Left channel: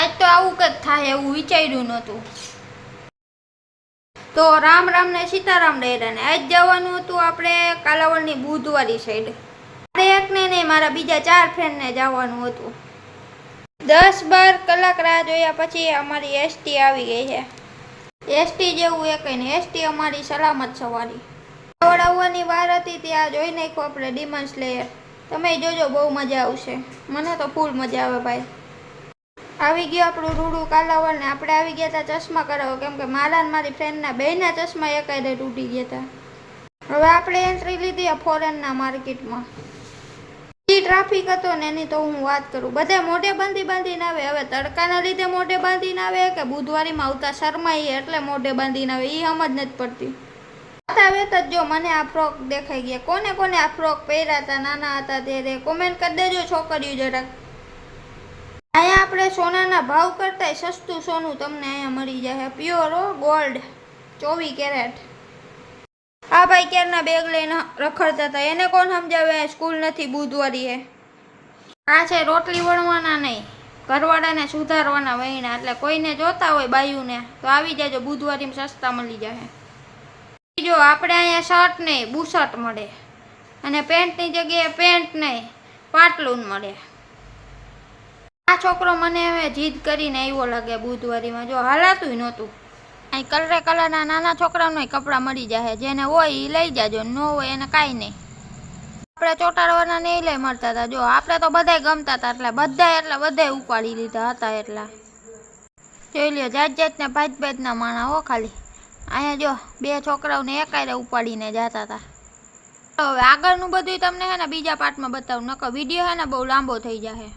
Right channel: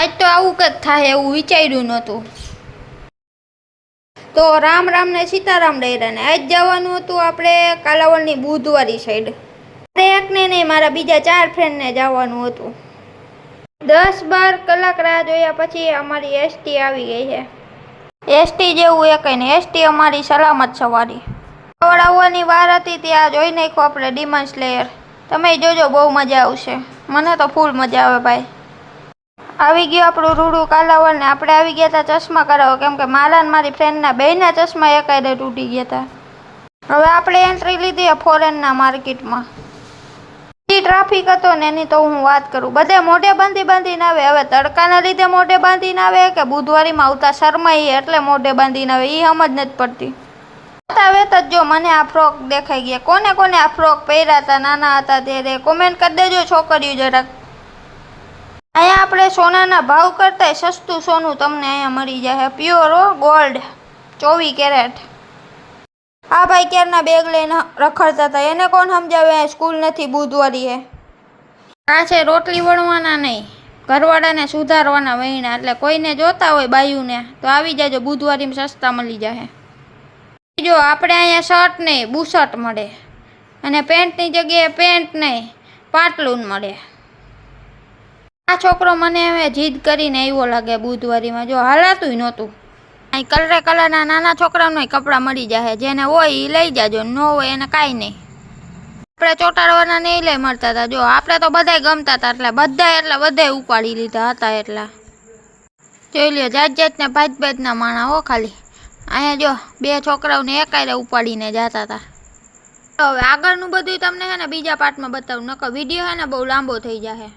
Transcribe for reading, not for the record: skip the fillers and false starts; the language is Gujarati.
આજ તો આવું કંઈક થાય એવું વિચાર્યું નહોતું. તો રામ રામ ને સીતારામ ડેરા ને આજ જવાનું હતું આપણે કાલાવડની બુધવારી સાઈડ. મારે એકને નહીં, મારા બીજા 4 ફ્રેન્ડને જવાનું હતું. 10-12 કલાક રાહ જોયા પછી અમારી એસટી આવી ગઈ છે. એસટી જેવું એ કંઈ નહીં, એસટી અમારી સલામત સવારી. કાલાવડ આવવાની વાર હતી ત્યાં જોઈ નાખ્યો આપણે ડિમન સ્લેયર. તમે જોજો, બહુ મજા આવશે. મને તો ફૂલ મજા આવે ભાઈ. આવી ગયો આપણું રૂડું કાલાવડ ને આપણે આવી ગયા હતા ચશ્મા કરાવો, કેમ કે મારા ને મારી ફ્રેન્ડના બેયના ચશ્મા એકાયદે તૂટી ગયા હતા. હવે આપણે એન્ટ્રી લીધી ફોરેનના માર્કેટમાં. ટ્રાફિક હતો ને એની તો હું વાત કરું. બધે મોઢે બાંધીને આવે. હવે તડકાના લીધે મોઢે બાંધીને આવે કે બુધવારીમાં આવતા શરમાઈએ એટલે મોઢે બાંધીને આવે, એ સમજ નથી પડતી. વેત જ જો મને આ ફ્રોક દેખાઈ ગયા. કોને કોને આ ફ્રોક પહેર્યા હતા નાના હતા ત્યારે કોમેન્ટ કરી દેજો છોકરીઓ જરાક. અહીંયા આપણે સોનાના ભાવ કરતા સસ્તું સોનું તમને અહીંયા મળી જાય. Pure gold 24 carat. આ ભાઈ ક્યારના બેગ લઈને રખડતા હતા, એને કોણ સમજાવે સ્કૂલ નથી બુધવારી હે. આ છે રોટલી વણવાના નહીં, ઘરવાળાને સુધારવાના વહીણા. એટલે કોઈને જોતા હોય બાયુને તો આવી જાજો, બુધવારીમાં સસ્તા મળી જાય. જો આપણે અહીંયા શર્ટ નહીં બુશર્ટ મળે, અને પેન્ટની જગ્યાએ પેન્ટ નહીં પાટલું મળે. આ છોકરો મને હવે જીદ કરીને આવ્યો લાગે બુધવારીમાં, જો હાલાતું નહોતું. અહીં કલરના નાના છોકરાઓને કપડાં મળી જાય, જેને હોય એ લઈ જાજો, ન હોય એને કાંઈ નહીં. આપણે ચોટાડવાના નહીં લઈ મળતા હતા. જો આપણે તો બધાય ગમતા હતા એટલે બધાય ઉપાડી લીધા હતા. એટલા જોઈ લ્યો, જાતના ભાતના માણા હો ખાલી. અહીંયા જો 2 છોકરાઓને એકાયરે ઉપાડીને જતા હતા. હવે આગળનું બધું તમને હે ને બીજા પાર્ટમાં બતાવું, નકર વિડીયો હે ને બહુ લાંબો થઈ જાય.